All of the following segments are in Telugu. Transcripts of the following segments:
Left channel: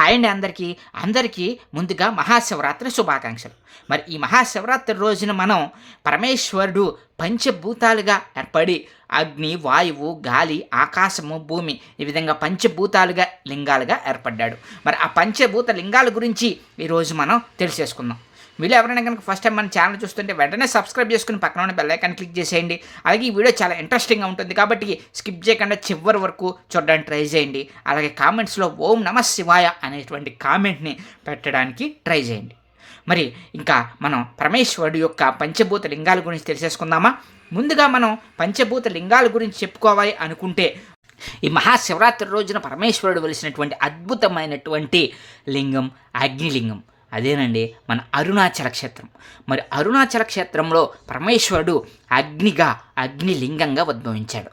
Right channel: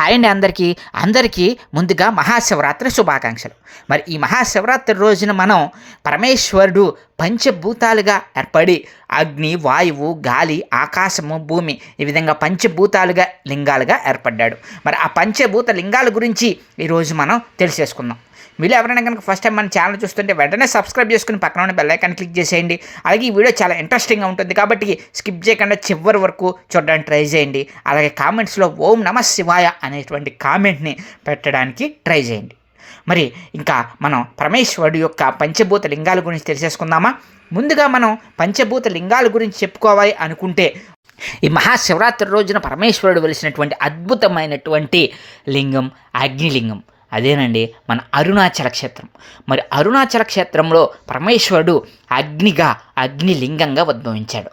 హాయ్ అండి అందరికీ. అందరికీ ముందుగా మహాశివరాత్రి శుభాకాంక్షలు. మరి ఈ మహాశివరాత్రి రోజున మనం పరమేశ్వరుడు పంచభూతాలుగా ఏర్పడి అగ్ని వాయువు గాలి ఆకాశము భూమి ఈ విధంగా పంచభూతాలుగా లింగాలుగా ఏర్పడ్డాడు. మరి ఆ పంచభూత లింగాల గురించి ఈరోజు మనం తెలిసేసుకుందాం. మీరు ఎవరైనా కనుక ఫస్ట్ టైం మన ఛానల్ చూస్తుంటే వెంటనే సబ్స్క్రైబ్ చేసుకుని పక్కన ఉన్న బెల్ క్లిక్ చేసేయండి. అలాగే ఈ వీడియో చాలా ఇంట్రెస్టింగ్గా ఉంటుంది కాబట్టి స్కిప్ చేయకుండా చివరి వరకు చూడడానికి ట్రై చేయండి. అలాగే కామెంట్స్లో ఓం నమ శివాయ అనేటువంటి కామెంట్ని పెట్టడానికి ట్రై చేయండి. మరి ఇంకా మనం పరమేశ్వరుడు యొక్క పంచభూత లింగాల గురించి తెలిసేసుకుందామా? ముందుగా మనం పంచభూత లింగాల గురించి చెప్పుకోవాలి అనుకుంటే ఈ మహాశివరాత్రి రోజున పరమేశ్వరుడు వెలిసినటువంటి అద్భుతమైనటువంటి లింగం అగ్నిలింగం. అదేనండి మన అరుణాచల క్షేత్రం. మరి అరుణాచల క్షేత్రంలో పరమేశ్వరుడు అగ్నిగా అగ్నిలింగంగా ఉద్భవించాడు.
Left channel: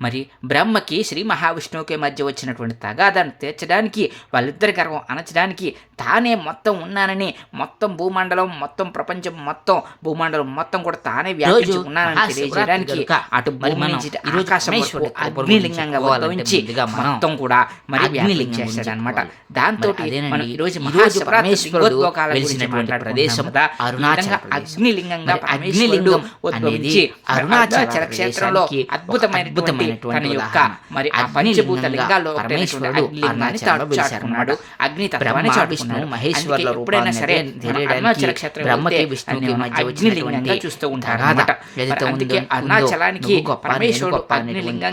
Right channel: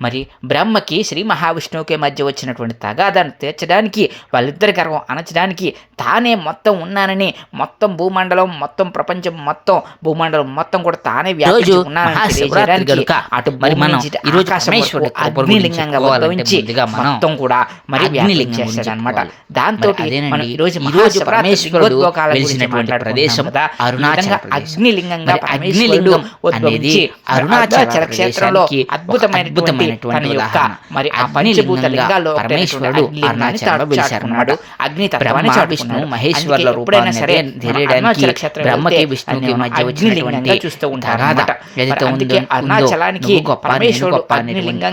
మరి బ్రహ్మకి శ్రీ మహావిష్ణువుకి మధ్య వచ్చినటువంటి తగాదాన్ని తీర్చడానికి వాళ్ళిద్దరి గర్వం అణచడానికి తానే మొత్తం ఉన్నానని మొత్తం భూమండలం మొత్తం ప్రపంచం మొత్తం భూమండలం మొత్తం కూడా తానే వ్యాపించి ఉన్నానని తెలియజేయడానికి అటు అగ్నిలింగంగా మొత్తం కూడా మరి గురించి అనమాట. దాంతో మనం ఈరోజు గురించి ప్రదేశం. అగ్నిలింగంగా పరమేశ్వరుడు అగ్నిలింగం ఉద్భవించి అరుణాచల క్షేత్రంలో అద్భుతమైనటువంటి తన యొక్క. మరి ఆ పంచభూత లింగాల్లో పరమేశ్వరుడు వెలిశారన్నమాట. అగ్ని తత్వాన్ని చాటుకున్నాడు. మహేశ్వరుల ఎప్పుడైనా సరే బ్రహ్మకి, మధ్య వచ్చినటువంటి చూస్తూ ఉంటారు. ఏదైతే ఉందో, అరుణాచలానికి పరమేశ్వరుడు ఆ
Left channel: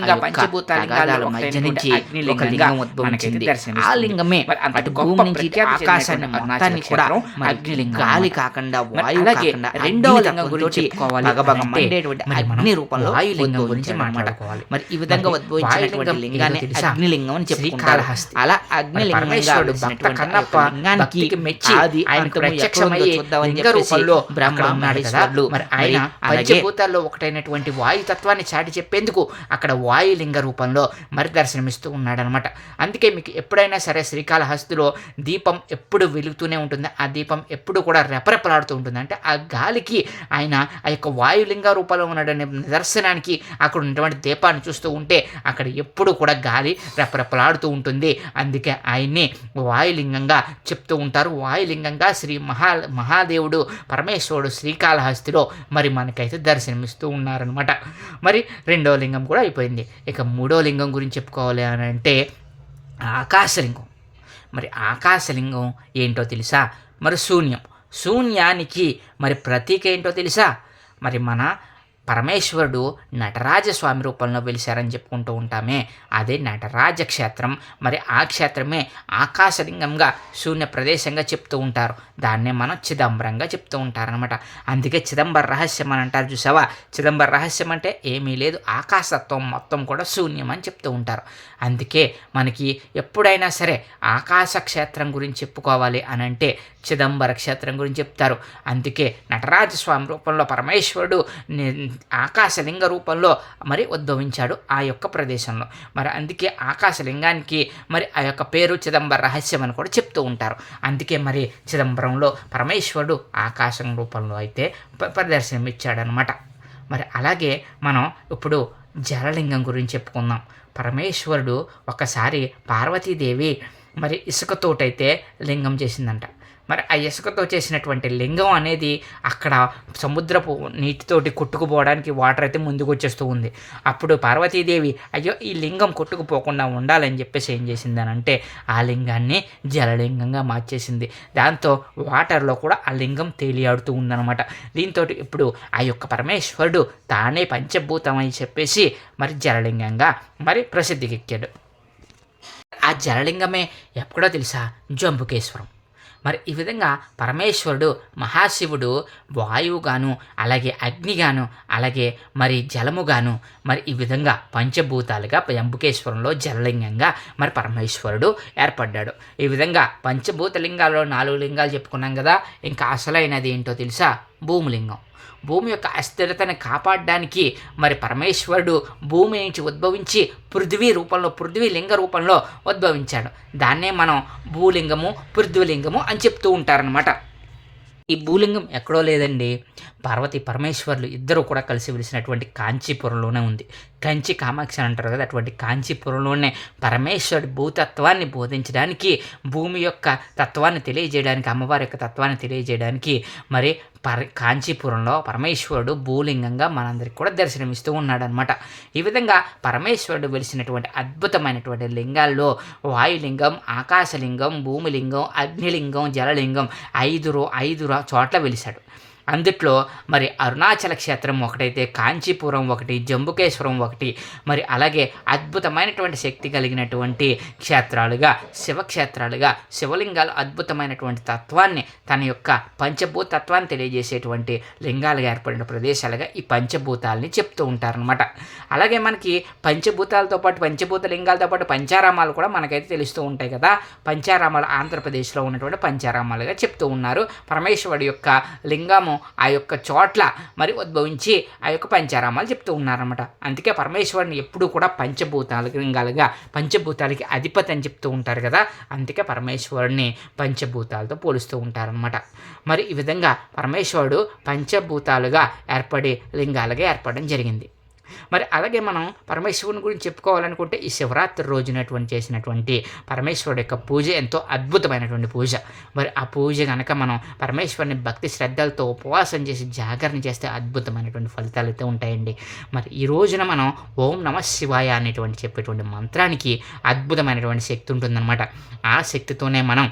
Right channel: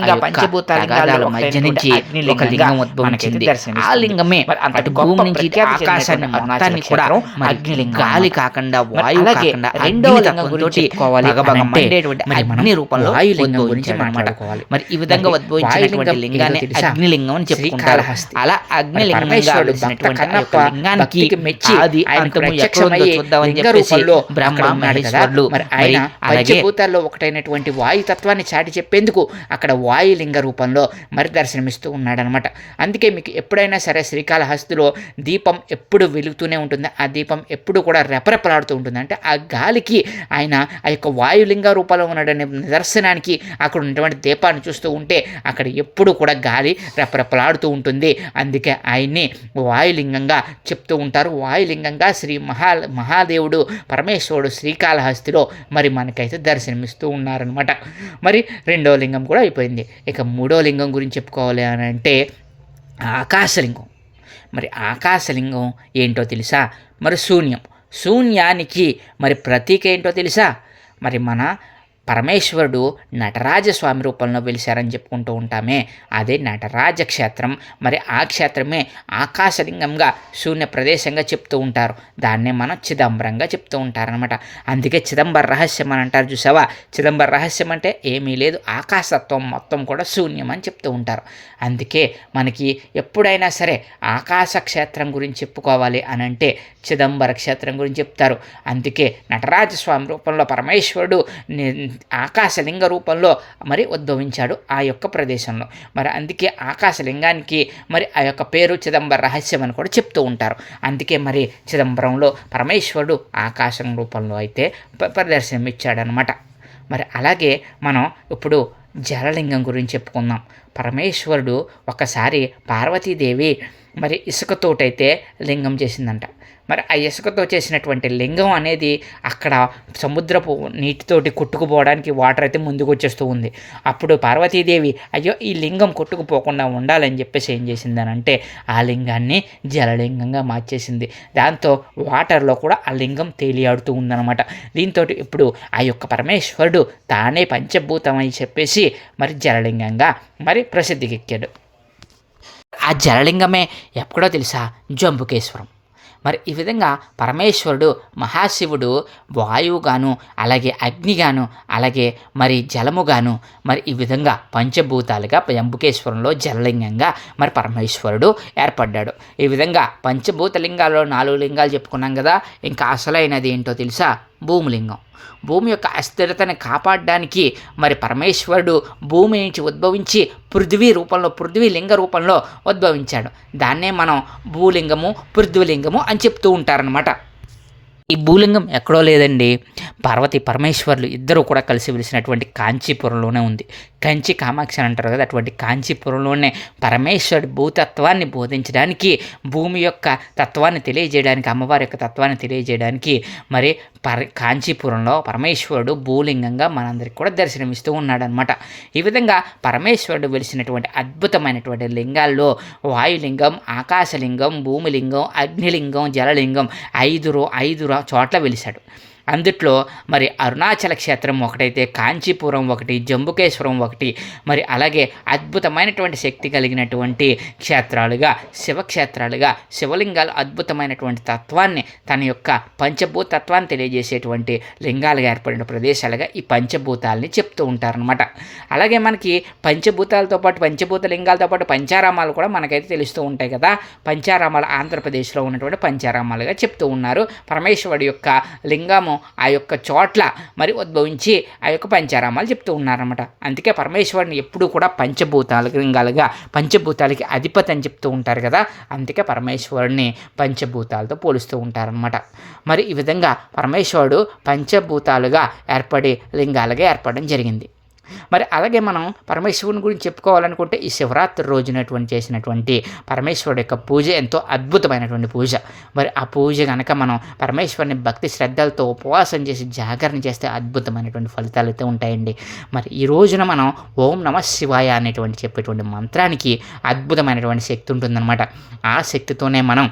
యొక్క పంచభూత లింగాల్లో మధ్య నుంచి ఒక లింగం ఉద్భవించింది. ఆ లింగమే అటు భూమి నుంచి ఆకాశాన్ని మొత్తాన్ని కూడా మరి అగ్నిలింగం గాలి. కాకుండా వాయువు కాకుండా అగ్ని లింగం గురించి చెప్పుకోవాలి అగ్ని రూపంలో వాయులింగం గురించి ఉద్భవించాడు అన్నమాట. మాట్లాడుకోవాలి. మరి ఈ విధంగా ఉద్భవించినటువంటి లింగాన్ని? అగ్నిలింగం అని చెప్పుకుంటారు. అలా మరి అగ్నిలింగంగా పరమేశ్వరుడు భక్త వెలిసినటువంటి ఆ కన్నప్ప యొక్క లింగానికి భక్తికి మెచ్చి ఆయనకు అంతము ఎక్కడుందో చూద్దామని లింగ చెప్పేసి బ్రహ్మ. మహేశ్వరులు ఆయన పంచభూతాల్లో ఒకటైనటువంటి వాయు తత్వాన్ని చాటి చెప్పేందుకు అక్కడ వాయులింగ రూపంలో మరి దర్శనమిస్తూ ఉన్నాడనమాట అందుకే మీకు ఎప్పుడైనా సరే శ్రీకాళహస్తిలో దీపం ఎప్పుడు వెలుగుతూనే ఉంటుంది ఆ దీపం ఎప్పుడు కూడా రెపరెపలాడుతూ ఉంటుంది అంటే ఆ గాలికి ఆయన ఆ యొక్క వాయులింగ రూపంలో ఉన్నాడనే నిదర్శనానికి అక్కడ ఉన్నటువంటి దీపాన్ని చూస్తూ ఉంటే అక్కడ ఎప్పుడు కూడా గాలి రెపరెపలాడుతూ ఉంటుంది. అందుకే ఆయన్ని వాయులింగంగా చెప్తూ ఉంటారు. వాయులింగంగా శ్రీ మహా మహాదేవుడు పరమేశ్వరుడు శ్రీకాళహస్తిలో మరి మనకైతే దర్శనమిస్తూ ఉన్నారనమాట మరి రెండో లింగం కూడా అయిపోయింది. ఇక మూడో లింగం గురించి చెప్పుకోవాలి అని అంటే ఆకాశలింగం. మరి ఆకాశలింగం ఏంటో తెలుసా? మరి శూన్యం. శూన్యానికి మరి ప్రతీక ఏంటో తెలుసా? మరి మన పరమేశ్వరుడు నటరాజస్వామి రూపంలో వెలిశారని చెప్పుకుంటూ ఉంటామే. అదే నటరాజ క్షేత్రం మరి ఆ క్షేత్రమే ఆకాశలింగంగా శూన్య ప్రదేశంగా చెప్తూ ఉంటారు. దాన్నే మనం చిదంబరంగా చెప్తూ ఉంటారనమాట అందుకే చిదంబర రహస్యం అని అంటారు చూసావా? చిదంబర రహస్యం అంటే ఏమీ లేదు. ఆకాశత్వం మొత్తం కూడా శూన్యం అని చెప్తూ ఉంటారు. అందుకే మనకి ఎప్పుడైనా సరే ఆకాశ క్షేత్రం గురించి చెప్పుకోవాలి అని అంటే చిదంబర క్షేత్రం గురించి చెప్తారు. అందుకే నటరాజ స్వామి రూపంలో పరమేశ్వరుడు ఆకాశలింగ రూపంలో మరి ఉద్భవించాడు ఆ యొక్క ప్రదేశంలో. మరి అందుకే ఆకాశలింగానికి మరి ఆ యొక్క పేరు చిదంబర రహస్యం అని కూడా చెప్తూ ఉంటారు. అందుకే మరి చిదంబరంలో పరమేశ్వరుడు ఆకాశం రూపంలో అయితే ప- ప్రదర్శనం ఇచ్చాడనమాట మరి అలాగే మనం ఇప్పుడు జలలింగం గురించి చెప్పుకుందాం. పరమేశ్వరుడు ఒకసారి పార్వతీదేవి మరి ఇసుకతోటైతే లింగం చేసిందంట. మరి ఆ ఇసుకతో చేసినటువంటి లింగం అనేది అక్కడ సముద్రపు నీటితోటి కొట్టుకుపోవడానికి వాటర్ అయితే ముందుకు వచ్చేస్తూ ఉంది. అప్పుడు పార్వతీదేవి అయ్యో ఈ లింగం కొట్టుకుపోకుండా ఉండాలని చెప్పేసి ఏం చేసిందనంటే ఆ లింగాన్ని జలలింగంగా మార్చేసింది. దాంతో వాటర్లో కూడా ఆ లింగం తేలియాడుతూ ఉందన్నమాట. దీంతో ఇప్పుడు ఆ యొక్క పరమేశ్వరుడు తానే పంచభూతం అని చెప్పేసి మరి జలలింగంగా మరి ప్రసిద్ధికెక్కాడు. ఆ జలలింగమే ఎప్పుడో తెలుసా? జంబుకేశ్వరం. మరి ఈ విధంగా పరమేశ్వరుడు మహాశివుడు వాయువుగాను అలాగే అగ్నిగాను అలాగే మరి జలముగాను మరి ఈ విధంగా పంచభూతాలుగా జంబుకేశ్వరంలో జలలింగంగా మరి పరమేశ్వరుడు ఏర్పడ్డాడు. ఈ విధంగా పంచభూత లింగాల్లో నాలుగు లింగాలు చెప్పుకున్నాం కదా ఇంకా అసలైనది ఏంటో తెలుసా? భూమిలింగం. భూమి యొక్క అస్థిరతను కాపాడడానికి మరి పరమేశ్వరుడు భూమి నుంచి ఉద్భవించి పృథ్వీ రూపంలో పృథ్వీ లింగ రూపంలో ఉద్భవించాడు. దాన్నే మనం భూలింగము పృథ్వీలింగము అని చెప్తూ ఉంటారనమాట ఈ భూలింగం ఎక్కడో లేదండి. పార్వతి పరమేశ్వర్లు ఇద్దరు కూడా కలిసి వెలిసినటువంటి కాంచీపురంలోనే ఉంది. కంచి కామాక్షి అంటారు కదా అటువంటి కాంచీపురంలోనే పరమేశ్వరుడు భూతత్వాన్ని బోధించడానికి భూమి యొక్క తత్వాన్ని తెలియజేయడానికి అమ్మవారి యొక్క తత్వాన్ని తెలియజేయడానికి మరి పర కాంచీపురంలో పరమేశ్వరుడు భూలింగంగా మనందరికి కూడా దర్శనమిస్తూ ఉన్నాడనమాట ఈ విధంగా పరమేశ్వరుడు వెలిసినటువంటి అద్భుతమైనటువంటి లింగాల్లో వాయులింగం ఆకాశలింగం భూమిలింగం అగ్నిలింగం జలలింగం ఐదు ఐదు చోట్ల వెలిశాడు. అందుట్లో మరి అరుణాచల క్షేత్రం ఒకటైతే కాంచీపురం ఒకటి జంబుకేశ్వరం ఒకటి మరి అలాగే అద్భుతమైనటువంటి శక్తి కలిగినటువంటి క్షేత్రాలుగా శివక్షేత్రాలుగా శివలింగాలు అద్భుతమైనటువంటి తత్వాన్ని తన యొక్క పంచభూత తత్వాన్ని తెలియజేసేటువంటి లింగాలుగా ఏర్పడిన ప్రదేశాలుగా ఈ పంచభూతాలని చెప్తూ ఉంటారనమాట అలాగే మనకి పంచభూతాలతో పాటు పంచభూత లింగాలతో పాటు పంచారామాలు కూడా మనకైతే తెలుస్తూ ఉంటాయి కదా. పంచారామాలు ఆంధ్రప్రదేశ్లో ఉన్నటువంటి పంచారామాలుగా చెప్తూ ఉన్నారు. పరమేశ్వరుడు యొక్క లింగము ఆ యొక్క చోట్ల మరి ఉద్భవించి ఆ యొక్క పంచారామాలు చెప్తూ ఉన్నారన్నమాట. అందుకే పరమేశ్వరుని ఎప్పుడూ కూడా పంచభూతాలుగా లింగాలుగా పంచభూతాలకి అధిపతి అని చెప్తూ ఉంటారు కదా. అందుకే పరమేశ్వరుడిని పంచభూతాలతో పోలుస్తూ ఉంటారనమాట మరి ఈ విధంగా పరమేశ్వరుడు పంచభూతాలుగా ఏర్పడి లింగాలుగా ఏర్పడడం జరిగింది. మరి అలాగే మనం పరమేశ్వరుని గురించి చెప్పుకోవాలనుకుంటే ఈ శివరాత్రి రోజునటువంటి చేసినటువంటి పరమేశ్వరుడు యొక్క పూజ ఎంతో అద్భుతమైనటువంటి పూజ. మరి ఆ పూజ కనుక మనం పరమేశ్వరుని భక్తి శ్రద్ధలతో ఉపవాసం చేసి జాగరణ చేస్తే అద్భుతమైనటువంటి ఫలితాలు అయితే ఉంటాయండి. మరి ఈ రోజున మనం ఓం నమ శివాయ అనేటువంటి చెప్పేటువంటి మంత్రానికి అద్భుతమైనటువంటి శక్తి ఉంటుందన్నమాట. ఆ శక్తితోనే మనం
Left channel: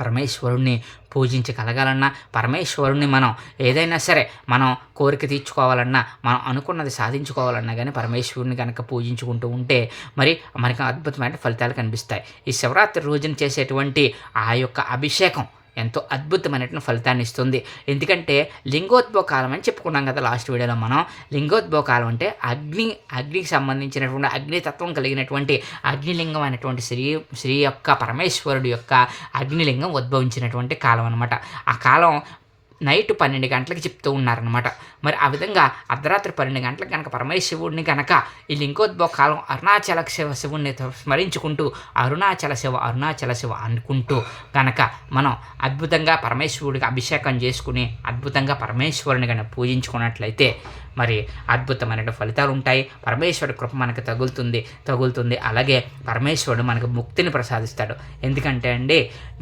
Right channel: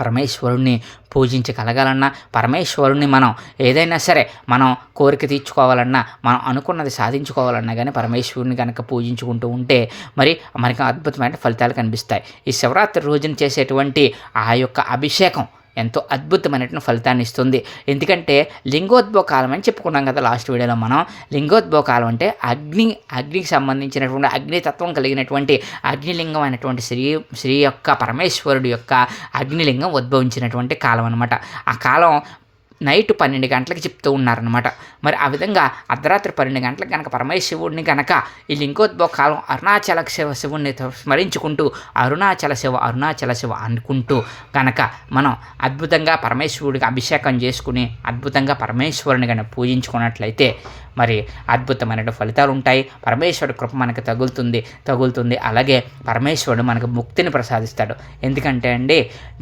పరమేశ్వరుణ్ణి పూజించగలగాలన్నా పరమేశ్వరుణ్ణి మనం ఏదైనా సరే మనం కోరిక తీర్చుకోవాలన్నా మనం అనుకున్నది సాధించుకోవాలన్నా కానీ పరమేశ్వరుని కనుక పూజించుకుంటూ ఉంటే మరి మనకి అద్భుతమైన ఫలితాలు కనిపిస్తాయి. ఈ శివరాత్రి రోజున చేసేటువంటి ఆ యొక్క అభిషేకం ఎంతో అద్భుతమైనటువంటి ఫలితాన్ని ఇస్తుంది. ఎందుకంటే లింగోద్భవ కాలం అని చెప్పుకున్నాం కదా లాస్ట్ వీడియోలో మనం. లింగోద్భవ కాలం అంటే అగ్ని అగ్నికి సంబంధించినటువంటి అగ్నితత్వం కలిగినటువంటి అగ్నిలింగం అయినటువంటి శ్రీ శ్రీ యొక్క పరమేశ్వరుడు యొక్క అగ్నిలింగం ఉద్భవించినటువంటి కాలం అనమాట ఆ కాలం నైట్ పన్నెండు గంటలకు చెప్తూ ఉన్నారనమాట మరి ఆ విధంగా అర్ధరాత్రి పన్నెండు గంటలకు కనుక పరమేశ్వరుడిని కనుక ఈ లింగోద్భవ కాలం అరుణాచల శివ శివుణ్ణి స్మరించుకుంటూ అరుణాచల శివ అరుణాచల శివ అనుకుంటూ కనుక మనం అద్భుతంగా పరమేశ్వరుడికి అభిషేకం చేసుకుని అద్భుతంగా పరమేశ్వరుని కనుక పూజించుకున్నట్లయితే మరి అద్భుతమైన ఫలితాలు ఉంటాయి. పరమేశ్వరుడు కృప మనకు తగులుతుంది తగులుతుంది. అలాగే పరమేశ్వరుడు మనకు ముక్తిని ప్రసాదిస్తాడు. ఎందుకంటే అండి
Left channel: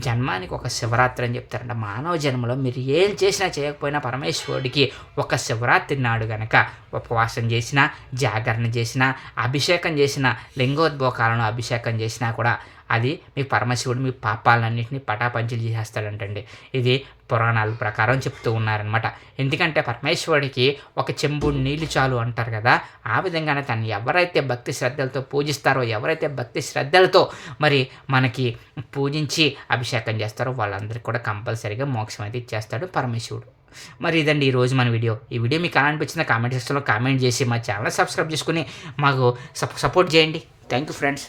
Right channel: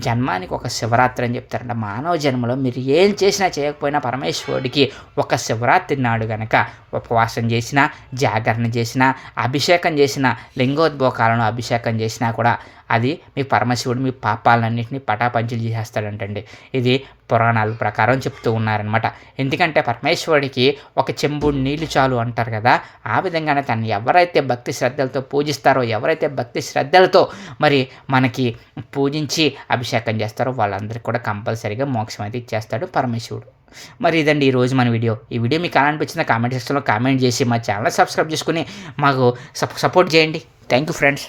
జన్మానికి ఒక శివరాత్రి అని చెప్తారంట. మానవ జన్మలో మీరు ఏం చేసినా చేయకపోయినా పరమేశ్వరుడికి ఒక శివరాత్రి నాడు గనక ఉపవాసం చేసినా జాగరణ చేసినా అభిషేకం చేసినా లింగోద్భోకాలను అభిషేకం చేసినా కూడా అది మీ పరమశివుడు మీ పాపాలన్నింటినీ పటాపంచలు చేసేస్తాడంటండి. ఇది పురాణాల ప్రకారం చెప్తూ ఉన్నారనమాట ఎందుకంటే పరమేశ్వరుడికి ఒక చెంబుడు నీళ్ళు చాలు అంటారు కదా ఆ విధంగానే తను ఎవరైతే భక్తి శ్రద్ధలతో పూజిస్తారో ఎవరైతే భక్తి శ్రద్ధలతో మరి మనకి పూజించి అభిషేకం చేస్తారో వాళ్ళందరికీ కూడా కంపల్సరీగా మోక్షం అయితే ఇచ్చేస్తాడు పరమేశ్వరుడు. మరి ఇదండి ఈరోజు మన వీడియో. ఈ వీడియో మీకు ఎలా అనిపించిందో కామెంట్ సెక్షన్లో కామెంట్ చేసి మా ఛానల్ సబ్స్క్రైబ్ చేసుకుని మాకు సపోర్ట్ చేయండి. Thank you friends.